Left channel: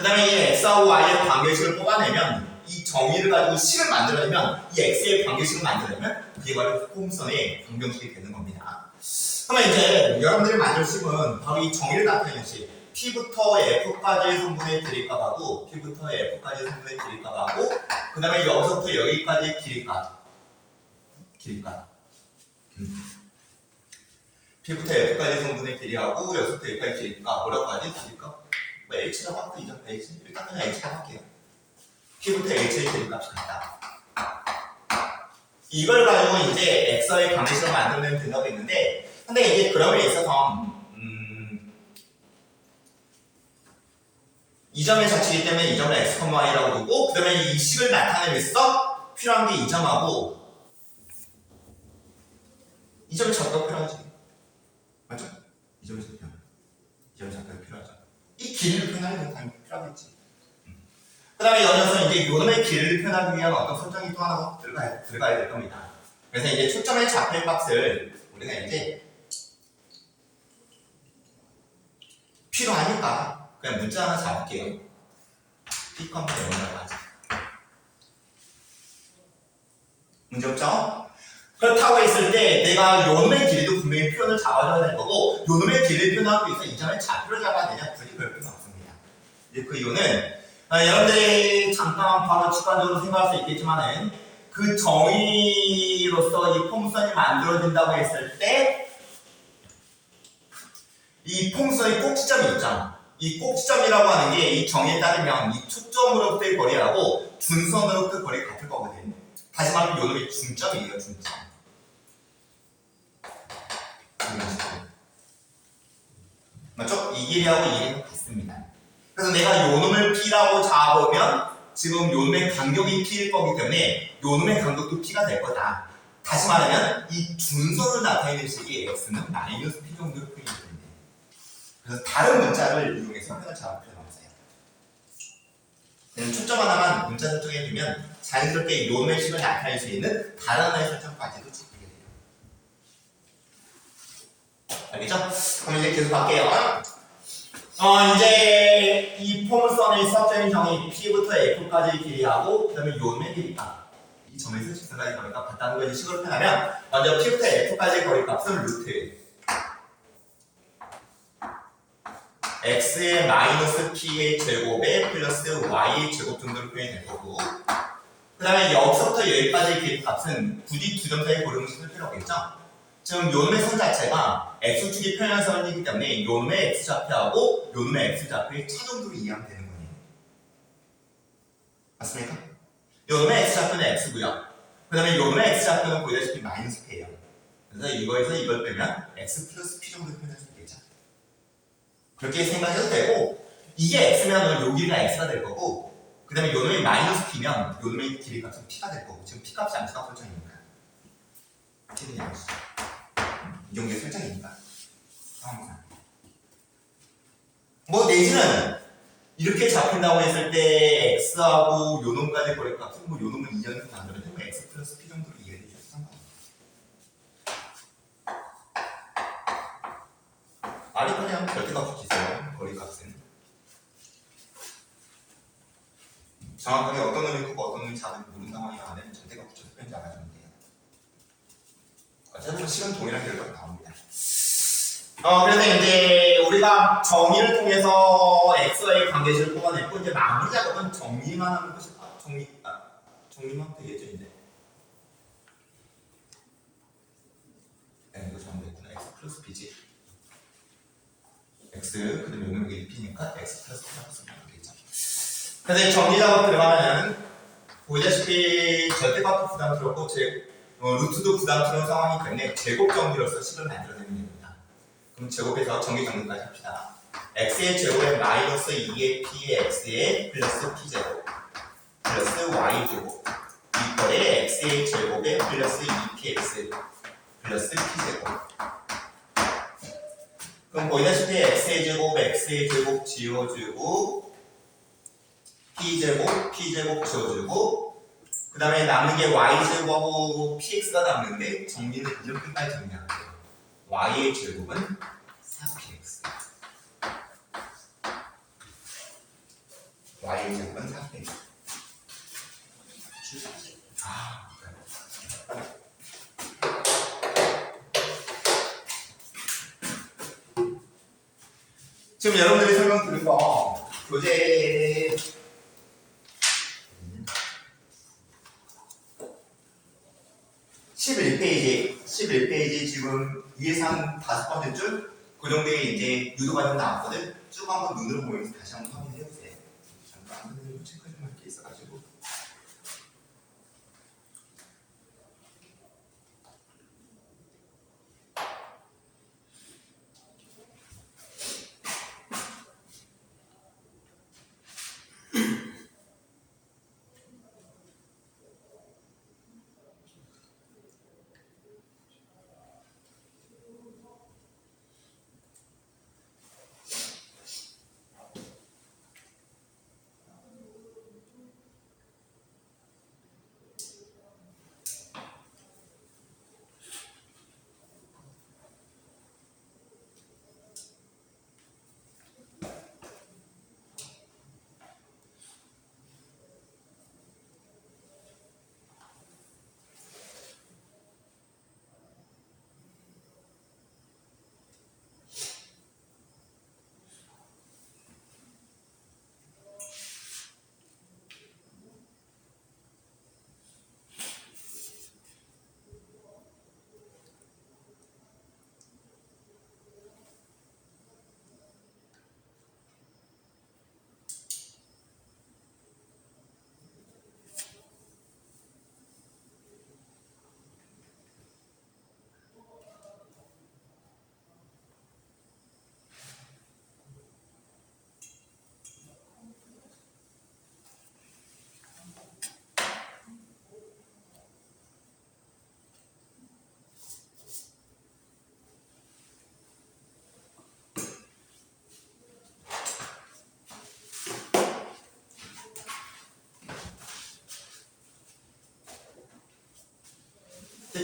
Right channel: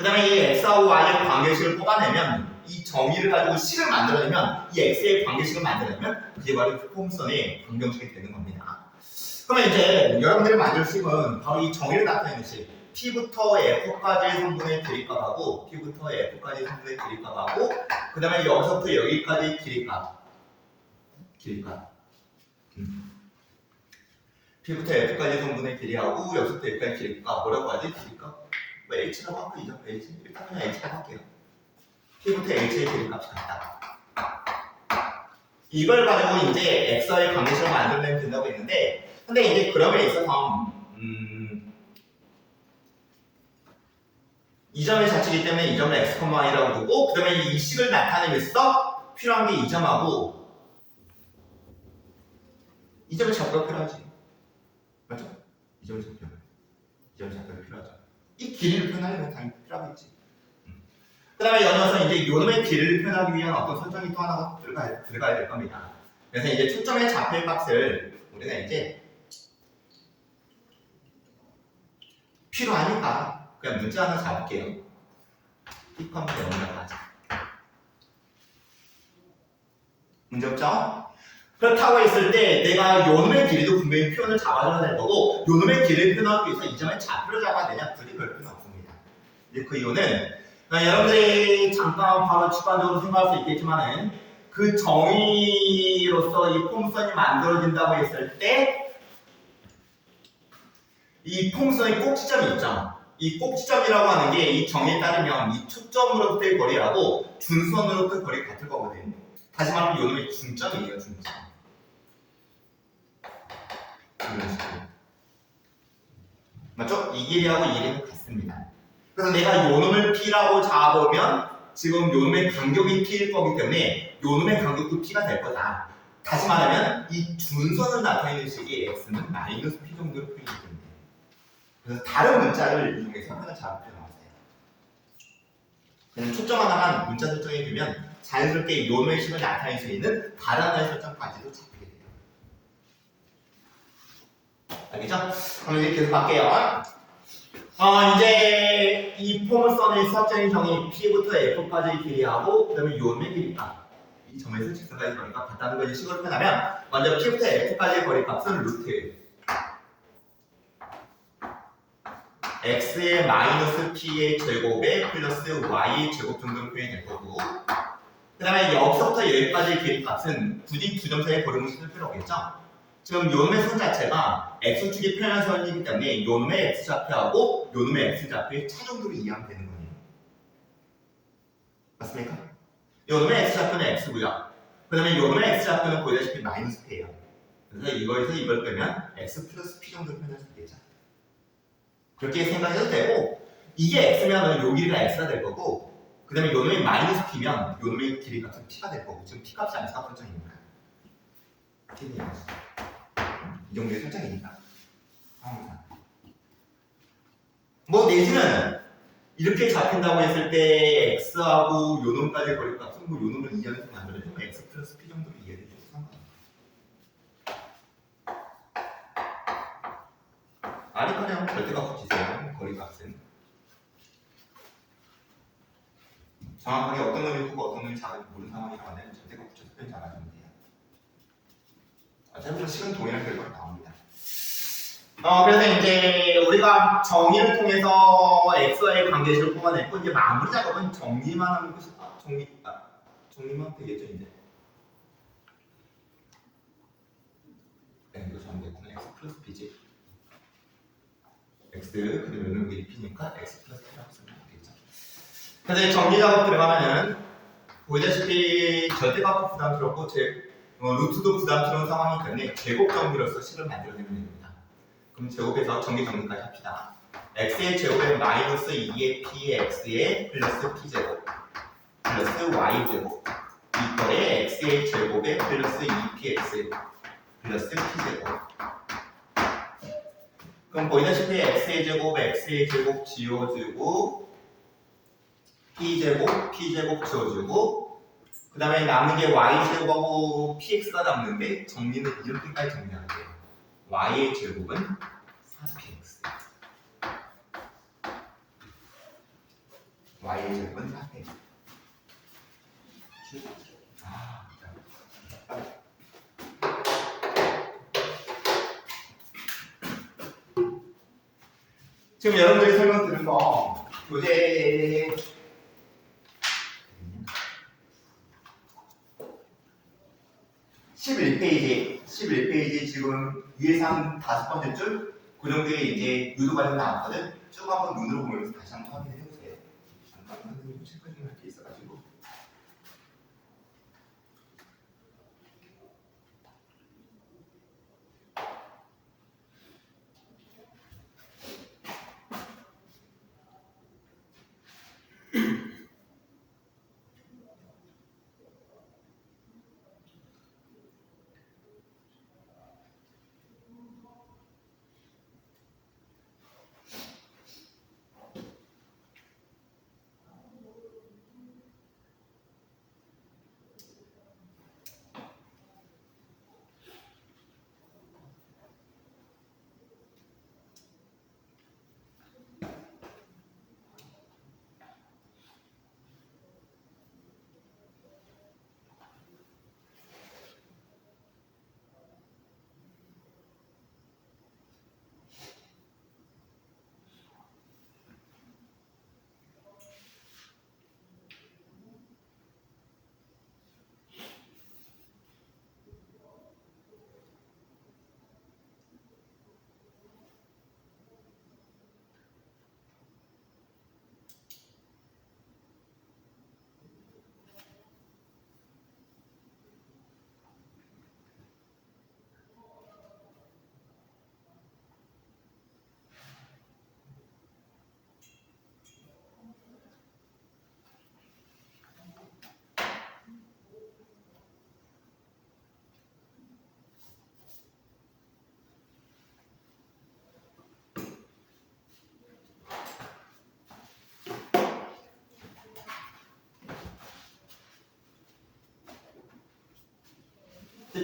그 다음에 이 x하고 y의 관계식을 뽑아내면 이 정의를 가지고 식을 만들어내면 이 x의 관계식을 만들어내면 이게 바로 포함선의 방정식이 되는 겁니다. 그러면 이제 여러분들이 만들 식은 바로 이 정의를 나타내는 식 P부터 F까지의 성분의 길이값하고 P부터 F까지의 성분의 길이값하고 그 다음에 여기서부터 여기까지의 길이값 P부터 F까지의 성분의 길이하고 여기서부터 여기까지 길이값 뭐라고 하지? 길이값? 뭐 H라고 할까? 이전 H? 일단 그냥 H라고 할게요. P부터 H의 길이값이 같다. 이걸 가지고 이제 X의 관계식을 만들면 된다고 했는데 근데 이제 그럼에 있어서 이 점의 자치이기 때문에 이 점을 x, y라고 두고 그 다음에 이 식을 나타내면서 필요한 게 이 점하고 이 점의 좌표가 필요하지. 맞죠? 이 점의 좌표가 필요하죠. 이 길이를 표현하려면 당연히 필요하겠지. 그 다음에 연이어서 이제 요놈의 길이를 표현하기 위한 어떤 설정이 또 하나 들어가야 될 겁니다. 그래서 이제 초점의 좌표의 값을 우리가 이제 필요하니까 그냥 문자 하나 잡을게요. P, 0이라고 하자. 문제 없죠? 그렇다고 했을 때 내가 요놈의 길이도 분명히 표현을 잡아줘야 될 거고 요놈의 길이를 표현하기 위해서 이 점의 좌표를 잡아야 되냐? 굳이 그럴 필요는 없습니다. 이제 그 이유는 여러분들이 잠깐 바로 직관적으로 생각할 수 있겠지만은 그 정의로서 이 폼선이 만들어진다고 했을 때 이 폼선의 꼭지점이 있죠. 이 꼭지점이라고 하는 게 이 정의에 따르면 이 축점으로부터의 거리하고 준선으로부터의 거리가 같을 거거든요. 다시 말하면 요놈의 중점이에요, 중점. 이런 식으로. 맞죠? 이 길이하고 이 길이는 같습니다. 그래서 내가 요놈을 P라고 잡으면 지금 요놈의 간격이 P일 거기 때문에 요놈의 간격도 P가 될 거다. 다시 말하면 이 준선을 나타내는 식이 X는 마이너스 P 정도로 표현이 됩니다. 그래서 다른 문자를 이용해서 표현을 잘 표현하세요. 그냥 초점 하나만 문자 설정해 두면 자연스럽게 요놈의 식을 나타낼 수 있는 다른 하나의 설정까지도 잡히게 돼요. 알겠죠? 그럼 이제 계속 갈게요. 이제 이 포물선의 수학적인 정의 P부터 F까지의 길이하고 그 다음에 요놈의 길이값 이 점에서 직선까지 거리값 같다는 걸 식으로 표현하면 먼저 P부터 F까지의 거리값은 루트 x의 마이너스 p의 제곱에 플러스 y의 제곱 정도로 표현이 될 거고 그 다음에 여기서부터 여기까지의 길이값은 굳이 두 점 사이에 고름을 쓸 필요 없겠죠? 지금 요놈의 선 자체가 x축이 표현한 선이기 때문에 요놈의 x좌표하고 요놈의 x좌표의 차 정도로 이해하면 되는 거예요. 맞습니까? 요놈의 x좌표는 x고요. 그 다음에 요놈의 x좌표는 보다시피 마이너스 p예요. 그래서 이거에서 이걸 빼면 x 플러스 p 정도로 표현할 수 있겠죠? 그렇게 생각해도 되고 이게 x면 요 길이가 x가 될 거고 그 다음에 요놈의 마이너스 p면 요놈의 길이값은 p가 될 거고 지금 p값이 양수값 설정이니까 p는 양수 이 정도의 설정이니까 뭐 내지는 이렇게 잡힌다고 했을 때 x하고 요놈까지 거리값은 뭐 요놈을 2년에서 만들어내면 x 플러스 p 정도로 이해해 주셔도 상관없어요. 아니 그냥 절대값 붙이세요. 거리값은 정확하게 어떤 놈이 크고 어떤 놈이 작은지 모르는 상황이라 하면 절대값 붙여서 표현 잘하시면 돼요. 어차피 식은 동일한 결과가 나옵니다. 그래서 이제 우리가 정의를 통해서 x와의 관계식을 뽑아냈고 이제 마무리 작업은 정리만 하는 것이 정리만 되겠죠 이제. 네, 이거 정리됐구나. x 플러스 b지. x 그다음에 여기 p니까 x 플러스 p라고 쓰면 되겠죠. 그래서 정리 작업 들어가면은 보이다시피 절대값도 부담스럽고 루트도 부담스러운 상황이기 때문에 제곱 정리로서 식을 만들어내면 됩니다. 그럼 제곱에서 정리 정리까지 합시다. x의 제곱에 마이너스 2의 p의 x의 플러스 p제곱 플러스 y제곱 이퀄에 x의 제곱에 플러스 2px 플러스 p제곱. 그럼 보이다시피 x의 제곱 지워주고 p제곱 지워주고 그 다음에 남는 게 y제곱하고 px가 남는데 정리는 이렇게까지 정리할게요. y의 제곱은 4px y의 제곱은 4x. 지금 여러분들이 설명 들은 거 교재 11페이지 지금 위에서 한 5번째 줄 그 정도에 이제 유도 과정 나왔거든. 쭉 한번 눈으로 보면서 다시 한번 확인해 보세요. 잠깐 체크 좀 할 게 있어가지고.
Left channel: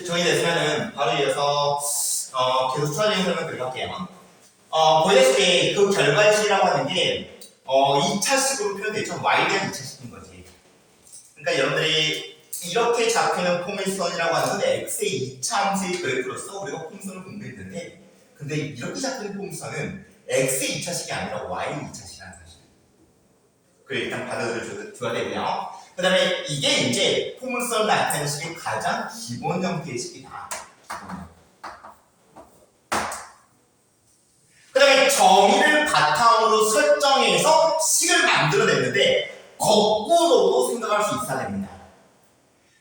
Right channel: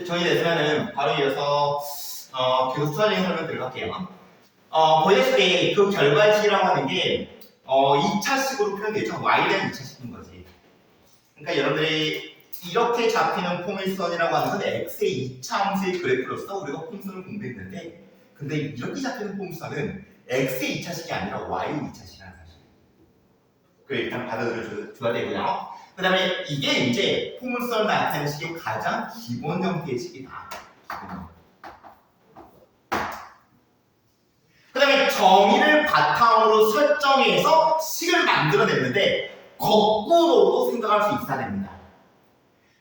정리됐으면은 바로 이어서 계속 추가적인 설명 들어갈게요. 보시다시피 그 결과식이라고 하는 게 2차식으로 표현되죠. y에 대한 2차식인 거지. 그러니까 여러분들이 이렇게 잡히는 포물선이라고 하는 건 x의 2차 함수의 그래프로서 우리가 포물선을 공부했는데, 근데 이렇게 잡히는 포물선은 x의 2차식이 아니라 y의 2차식이라는 사실. 그래 일단 받아들여줘야 되고요. 그 다음에 이게 이제 포물선 나타내는 식의 가장 기본 형태의 식이다. 그 다음에 정의를 바탕으로 설정해서 식을 만들어냈는데 거꾸로도 생각할 수 있어야 됩니다.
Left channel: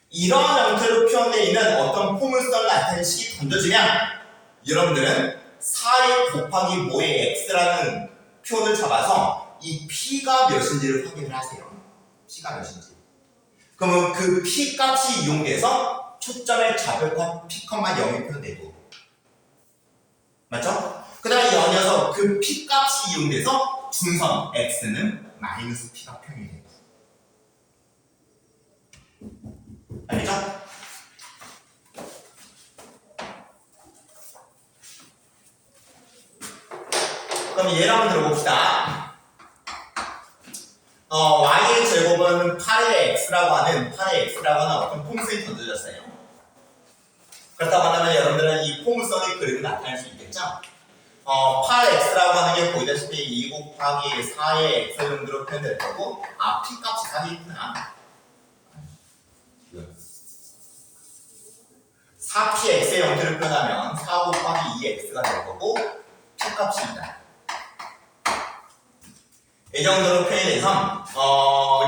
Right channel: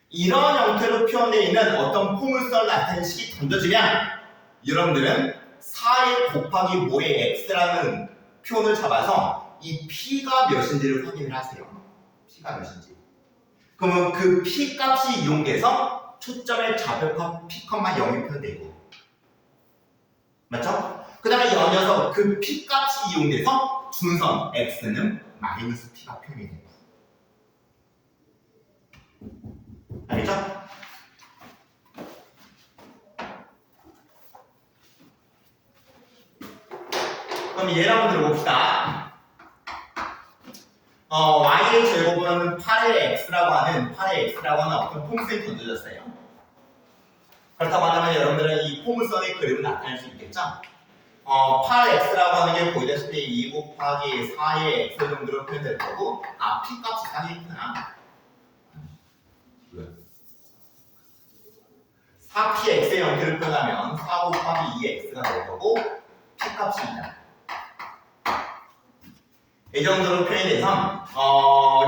이런 형태로 표현되어 있는 어떤 포물선 나타내는 식이 던져지면 여러분들은 4의 곱하기 뭐의 x라는 표현을 잡아서 이 p가 몇인지를 확인을 하세요. p가 몇인지. 그러면 그 p 값이 이용돼서 초점의 좌표값 p, 0이 표현되고, 맞죠? 그 다음에 연이어서 그 p 값이 이용돼서 준선 x는 마이너스 p가 표현이 되고, 알겠죠? 그럼 예를 한번 들어봅시다. y의 제곱은 8의 x라고 하는 어떤 포물선이 던져졌어요. 그렇다고 한다면 여러분들은 이 포물선의 그림을 나타낼 수 있겠죠? 8x라고 하는 게 보이다시피 2 곱하기 4의 x 정도로 표현될 거고, p 값이 사기구나. 4px의 형태를 표현하면 4 곱하기 2x가 될 거고, p 값입니다. 이 정도로 표현해서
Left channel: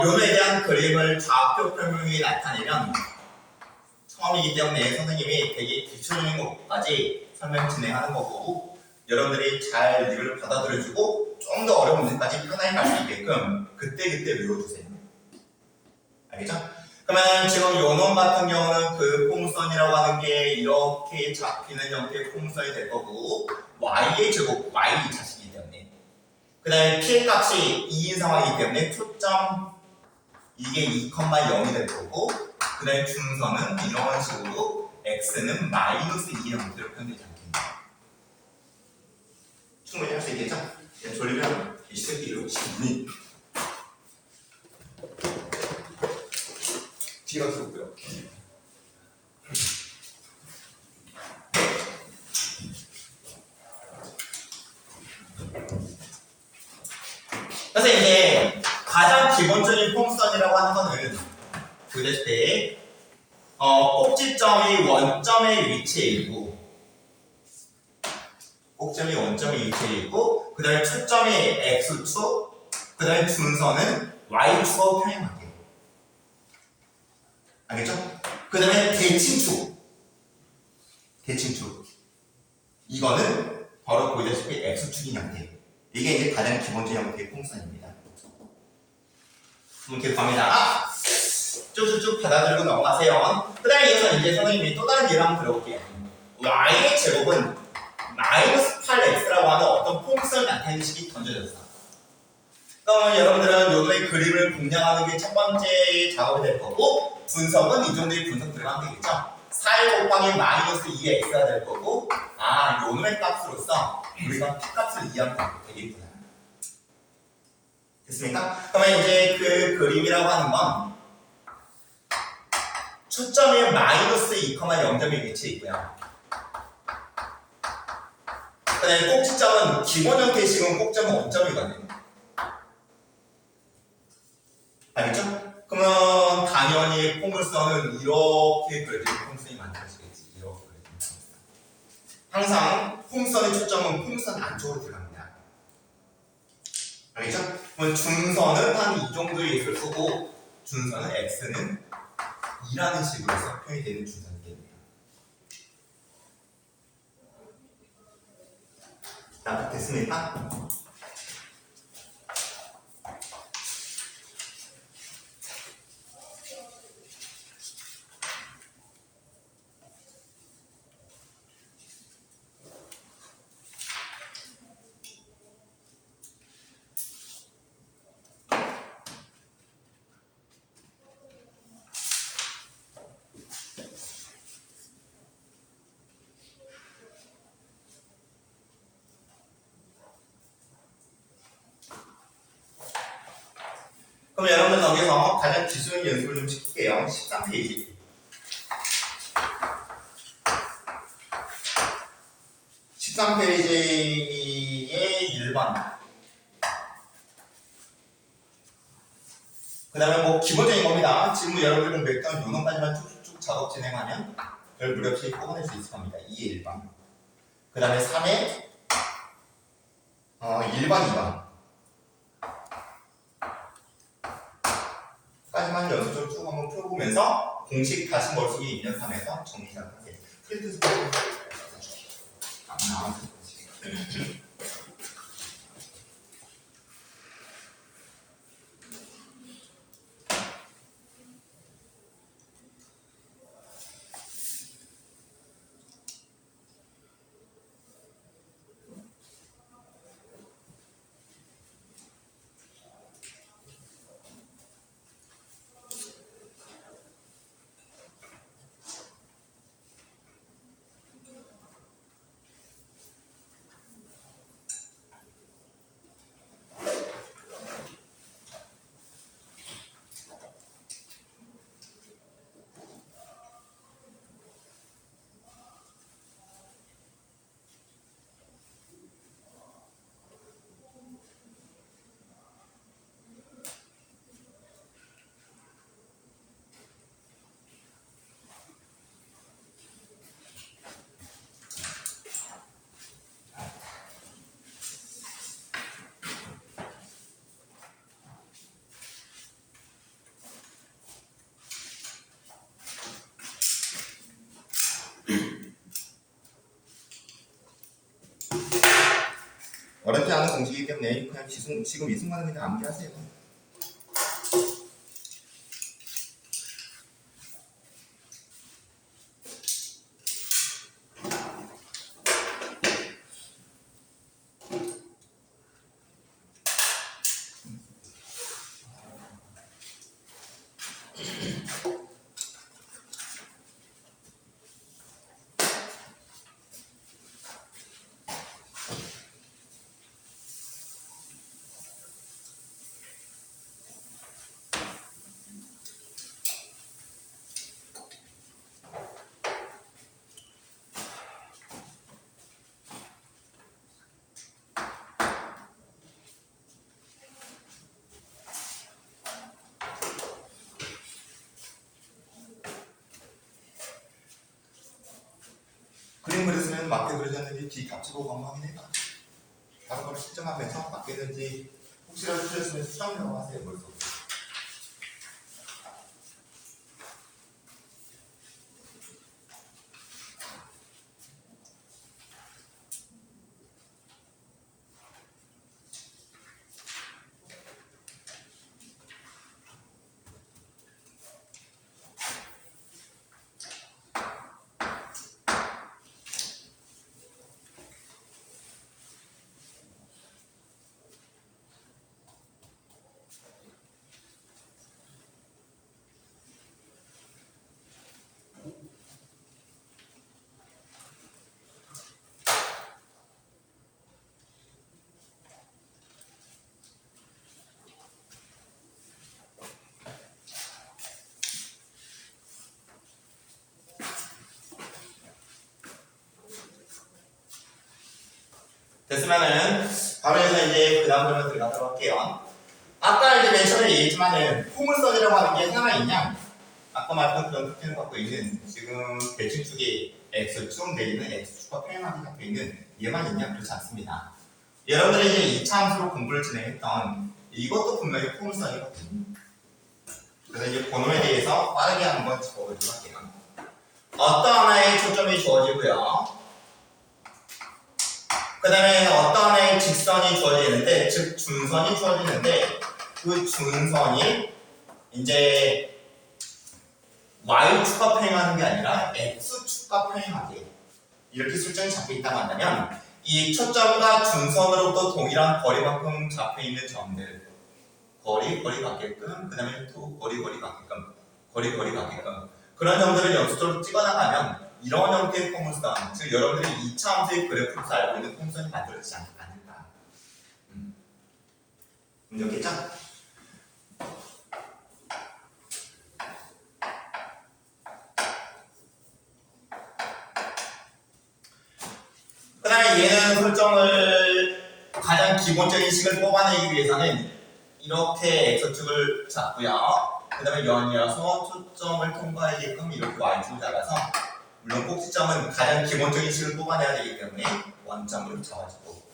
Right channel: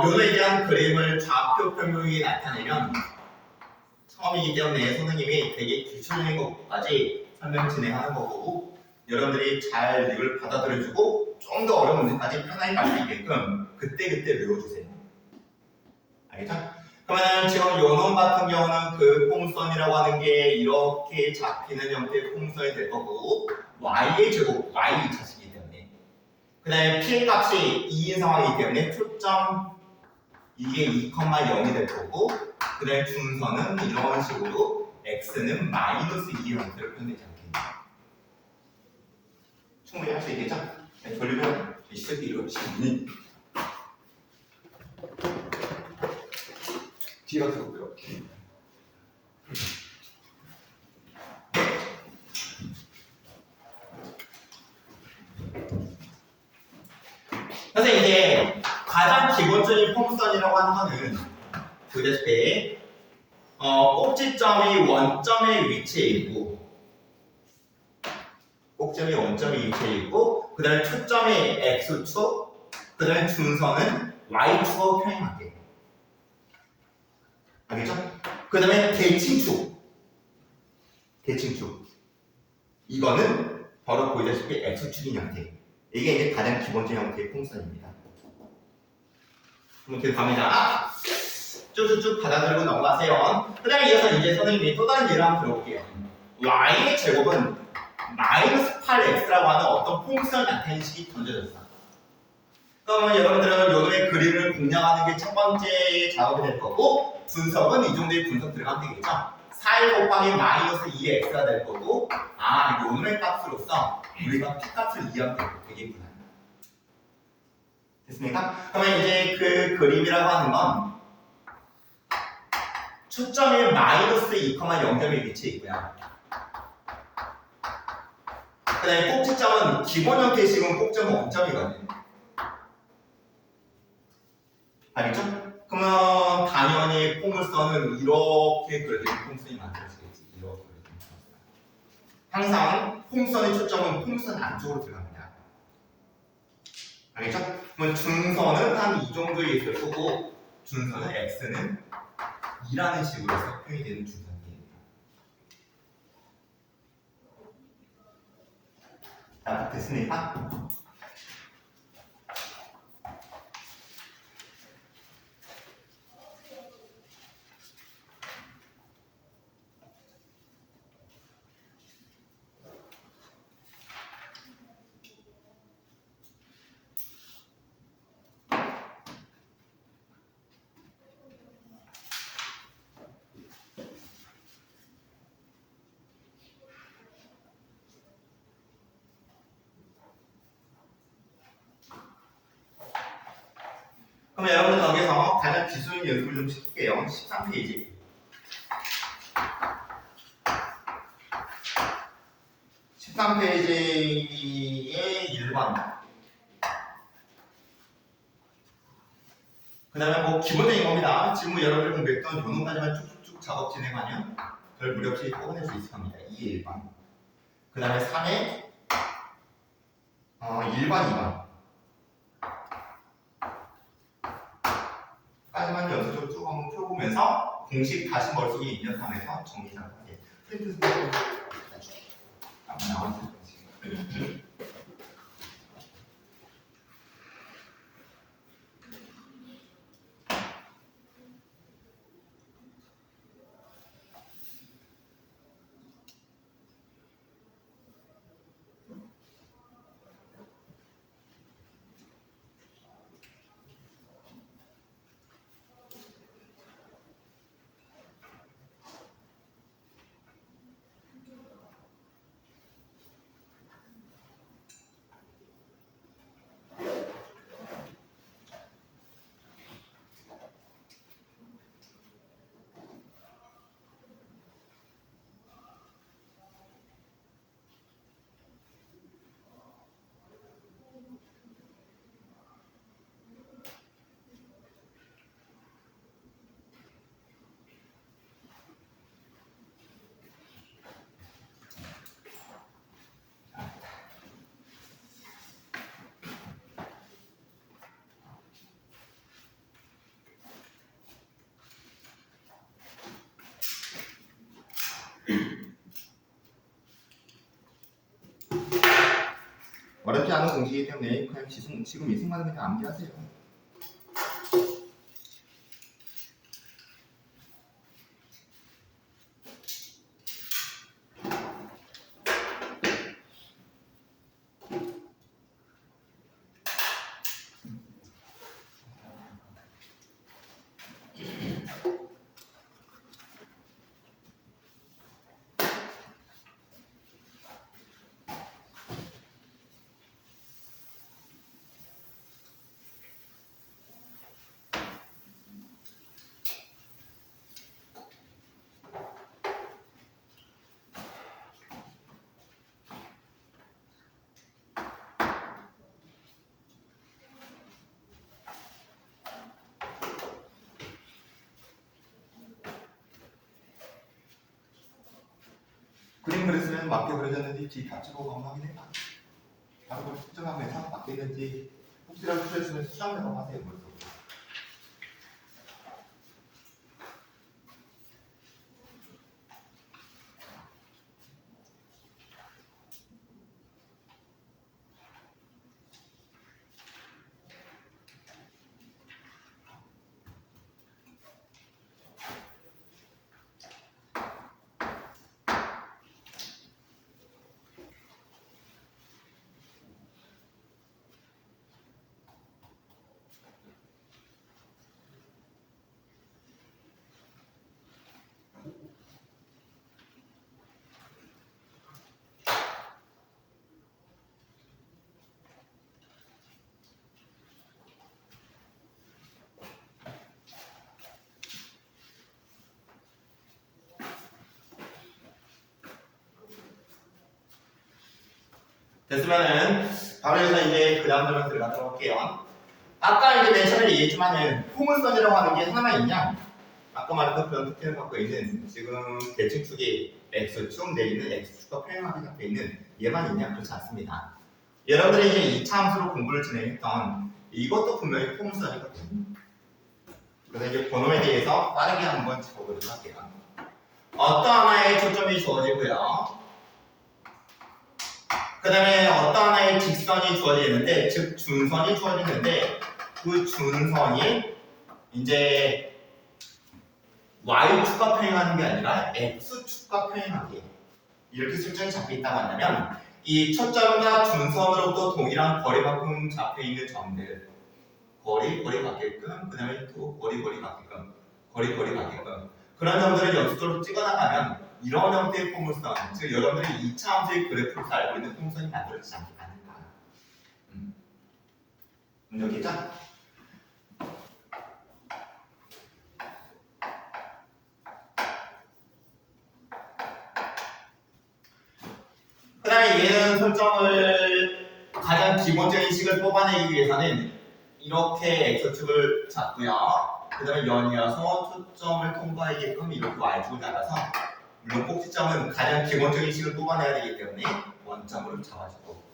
요노에 대한 그림을 좌표 표명이 나타내면 처음이기 때문에 선생님이 되게 기초적인 것까지 설명 진행하는 거고, 여러분들이 잘 이걸 받아들여주고 좀 더 어려운 문제까지 편하게 갈 수 있게끔 그때그때 외워주세요. 알겠죠? 그러면 지금 요놈 같은 경우는 그 포물선이라고 하는 게 이렇게 잡히는 형태의 포물선이 될 거고, y의 제곱, y 2차식이기 때문에, 그 다음에 p의 값이 2인 상황이기 때문에 초점 이게 2,0이 될 거고, 그 다음에 중선은 이런 식으로 x는 마이너스 2의 형태로 표현되지 않겠냐. 충분히 할 수 있겠죠? 졸리면 이 새끼 이러시니 뒤로 들고요. 그래서 이제 가장 기본적인 폼선이라고 하는 거는 보여줬을 때 꼭지점이 원점의 위치에 있고 꼭점이 원점의 위치에 있고 그 다음에 초점이 x축 그 다음에 준선은 y축으로 평행하게 알겠죠? 그 다음에 대칭축 이거는 바로 보여줬을 때 x축인 형태 이게 이제 가장 기본적인 형태의 폼선입니다. 그럼 계속 갑니다. 쭉쭉쭉 받아들이고 넘어가세요. 그 다음에 이어서 이제 선생님이 또 다른 예를 한번 들어볼게요. y의 제곱은 마이너스 8x라고 하는 어떤 폼선을 나타내는 식이 던져졌어. 그러면 여러분들은 요놈의 그림을 공략하는 게 첫 번째 작업이 될 거고 분석은 이 정도의 분석 들어가면 되겠죠. 4 곱하기 마이너스 2x가 될 거고 요놈의 값으로서 우리가 p값을 이해하면 되겠구나. 됐습니까? 그러면 이제 그 그림이라고 하는 건 초점이 마이너스 2,0점의 위치에 있고요. 그 다음에 꼭지점은 기본 형태식은 꼭점은 원점이거든요. 알겠죠? 그러면 당연히 포물선은 이렇게 그려진 폼선이 만들어지겠지. 이렇게 그려진 폼선. 항상 폼선의 초점은 폼선 안쪽으로 들어갑니다. 알겠죠? 그러면 중선은 한 이 정도의 있을 거고 준선은 x는 2라는 식으로 해서 표현이 되는 준선이 됩니다. 납득됐습니까? 그럼 여러분들 여기서 가장 기술 연습을 좀 시킬게요. 13페이지. 13페이지의 1번. 그 다음에 뭐 기본적인 겁니다. 지금 여러분들 공부했던 요놈까지만 쭉쭉 작업 진행하면 별 무리 없이 뽑아낼 수 있을 겁니다. 2의 1번. 그 다음에 3의 1번, 2번. 까지만 연습 쭉 한번 펴보면서 공식 다시 머릿속에 입력하면서 정리 작업하세요. 프린트 스피드 나왔을 거지. 어렵지 않은 공식이기 때문에 그냥 지금 이 순간은 그냥 암기하세요. 그림 그렸으면 맞게 그려졌는지 뒤 값지고 한번 확인해봐. 바로 그걸 실정하면서 맞겠는지 혹시라도 틀렸으면 수정이라고 하세요. 머릿속으로. 됐으면은 바로 여기서 이제 그 다음 질문 들어가도록 할게요. 아까 이제 맨 처음에 얘기했지만은 포물선이라고 하는 게 하나 있냐? 아까 말했던 그런 특징을 갖고 있는 지금 대칭축이 x축 내지는 x축과 평행하게 잡혀 있는 얘만 있냐? 그렇지 않습니다. 여러분들이 이제 2차 함수로 공부를 진행했던 이것도 분명히 포물선이거든요. 그래서 이제 번호에 대해서 빠르게 한번 짚어보도록 할게요. 어떤 하나의 초점이 주어지고요. 그 다음에 어떤 하나의 직선이 주어지는데, 즉 준선이 주어지는데 그 준선이 이제 y축과 평행하는 게 아니라 x축과 평행하게 이렇게 설정이 잡혀있다고 한다면 이 초점과 준선으로부터 동일한 거리만큼 잡혀있는 점들 거리 같게끔 그 다음에 또 거리 같게끔 거리 같게끔 그런 점들을 연속적으로 찍어나가면 이런 형태의 포물선, 즉 여러분들이 2차 함수의 그래프로서 알고 있는 포물선이 만들어지지 않을까. 문제겠죠? 그 다음에 얘는 설정을 가장 기본적인 식을 뽑아내기 위해서는 이렇게 x축을 잡고요. 그 다음에 연이어서 초점을 통과하게끔 이렇게 y축을 잡아서 물론 꼭지점은 가장 기본적인 식을 뽑아내야 되기 때문에 원점으로 잡아주고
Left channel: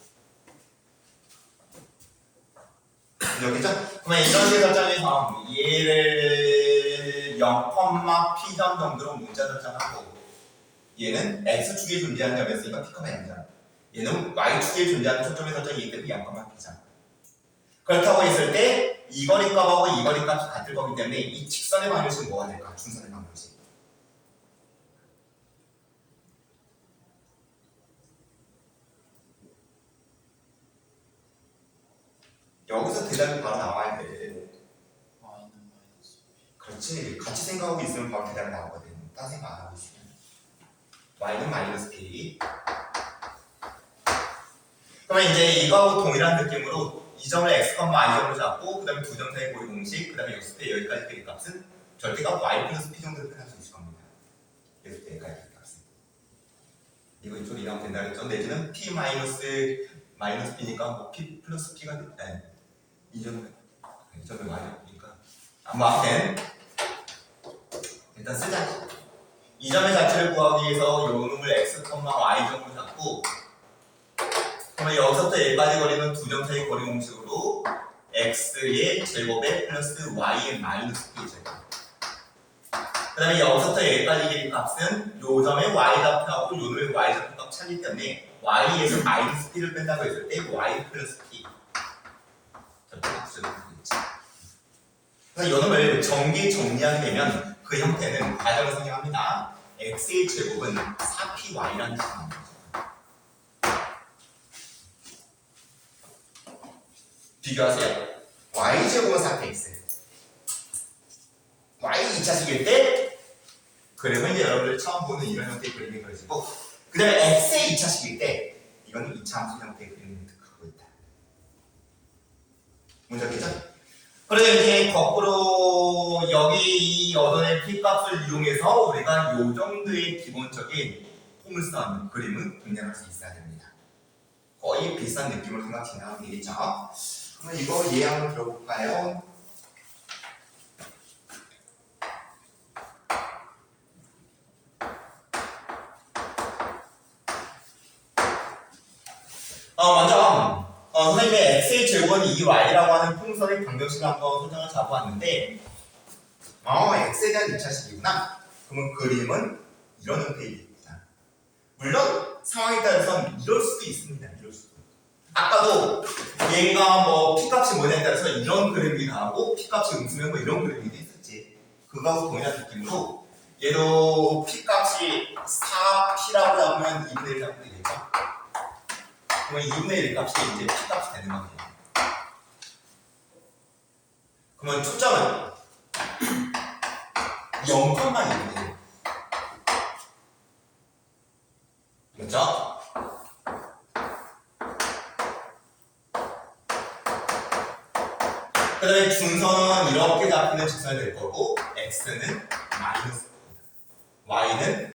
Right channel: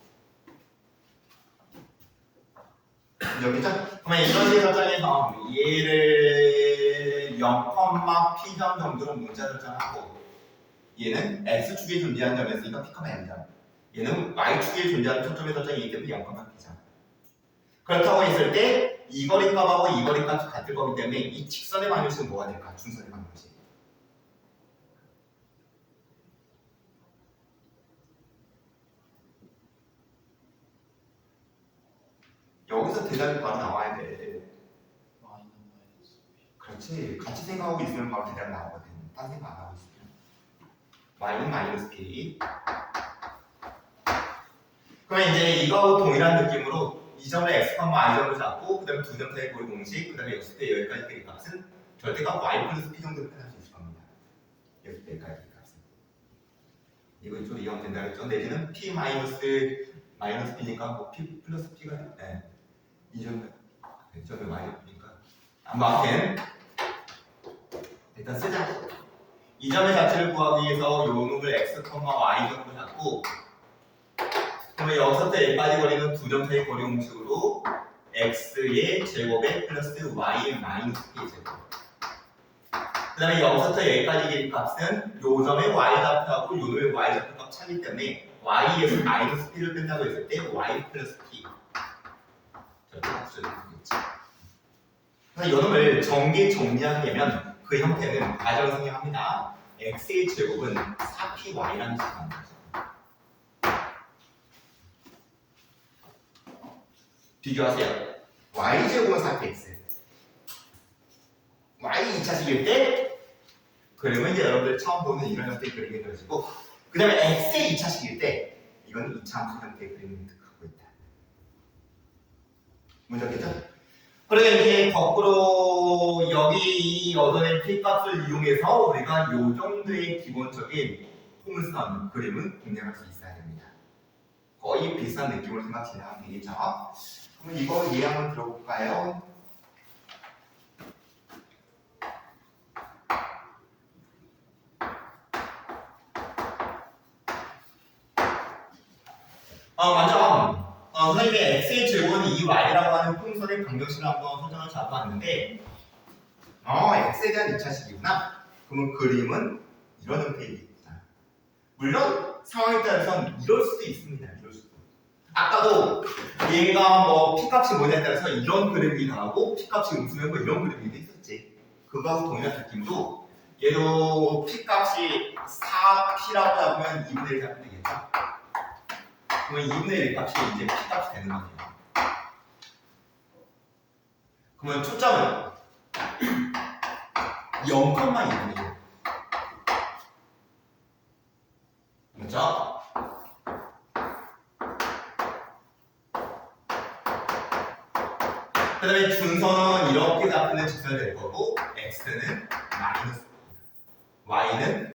여기죠? 그러면 이런 식 설정에서 얘를 0,P점 정도로 문자 설정하고 얘는 X축에 존재하는 점이었으니까 P, N점 얘는 Y축에 존재하는 초점의 설정이기 때문에 0,P점 그렇다고 했을 때 이 거리 값하고 이 거리 값이 같을 거기 때문에 이 직선의 방정식은 뭐가 될까? 준선의 방정식 여기서 대답이 바로 나와야 돼. 그렇지. 같이 생각하고 있으면 바로 대답이 나오거든. 딴 생각 안 하고 있으면. y는 마이너스 p. 그러면 이제 이거하고 동일한 느낌으로 이 점을 x, y점으로 잡고 그 다음에 두 점 사이 고리 공식 그 다음에 여기서 여기까지 그 값은 절대값 y 플러스 p 정도로 표현할 수 있을 겁니다. 여기서 여기까지 그 값은. 이거 이쪽으로 이해하면 된다 그랬죠. 내지는 p 마이너스 p니까 뭐 p 플러스 p가 네. 이 점을 y니까 아무튼 일단 쓰자. 이 점의 자체를 구하기 위해서 요 놈을 x, y점으로 잡고 그러면 여기서부터 여기까지 거리는 두 점 사이 거리 공식으로 x의 제곱에 플러스 y의 마이너스 p의 제곱 그 다음에 여기서부터 여기까지 길이 값은 요 점의 y좌표하고 요 놈의 y좌표 값 차기 때문에 y에서 마이너스 p를 뺀다고 했을 때 y 플러스 p 그래서 요 놈을 정리하게 되면 그 형태는 과정을 생략합니다. x의 제곱은 4py라는 식이 나옵니다. 비교하세요. y제곱은 4px y 2차식일 때 그러면 이제 여러분들 처음 보는 이런 형태의 그림이 그려지고 그 다음에 x의 2차식일 때 이거는 2차 함수 형태의 그림이 갖고 있다. 문제겠죠? 그래서 이렇게 거꾸로 여기 이 얻어낸 p값을 이용해서 우리가 이 정도의 기본적인 포물선 그림은 공략할 수 있어야 됩니다. 거의 비슷한 느낌으로 생각 진행하면 되겠죠. 그럼 이거 예한번 들어볼까요? 먼저 선생님의 x의 제곱은 2y라고 하는 풍선의 방정식을 한번 설정을 잡아왔는데 x에 대한 2차식이구나. 그러면 그림은 이런 형태이겠구나. 물론 상황에 따라서는 이럴 수도 있습니다. 이럴 수도. 아까도 얘가 뭐 p값이 뭐냐에 따라서 이런 그림이 나오고 p값이 음수면 뭐 이런 그림이 있었지. 그거하고 동일한 느낌으로 얘도 p값이 4p라고 잡으면 2분의 1 잡으면 되겠죠. 그러면 2분의 1 값이 이제 p값이 되는 거예요. 그러면 초점은 0,2분의 1. 그렇죠? 그 다음에 중선은 이렇게 잡히는 직선이 될 거고 x는 마이너스 y는